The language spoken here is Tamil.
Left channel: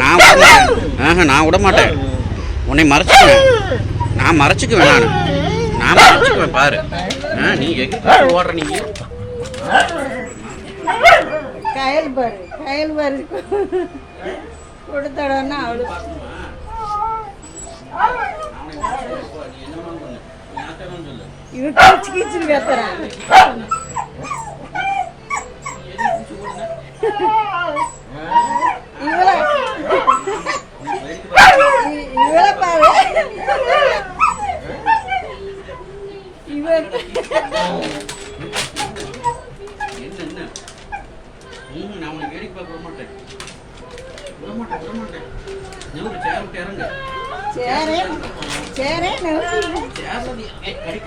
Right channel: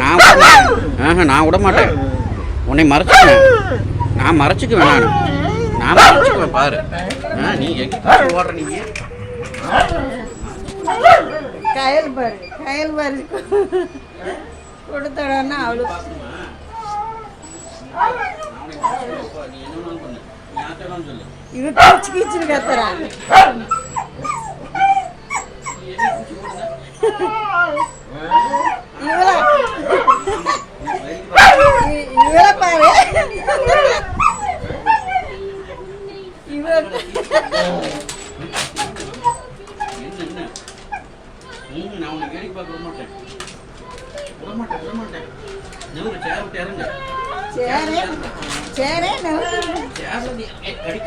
நான் விட மாட்டேன். நான் விட மாட்டேன். உன்னை மறைச்சிக்குவேன். நான் மறைச்சிக்குவேன். நான் மறைச்சிக்குவேன் பாரு. நீ எங்கே ஓடுற நீங்க? கயல் பாரு கொடுத்தடன்னா அவளு இவ கீச்சு கீச்சுன்னு கத்துறான். இவள பாரு இவ நான் உனக்கு வேடிக்கை பார்க்க விட மாட்டேன். சேர் விட்டு இறங்க. சேரே எப்படி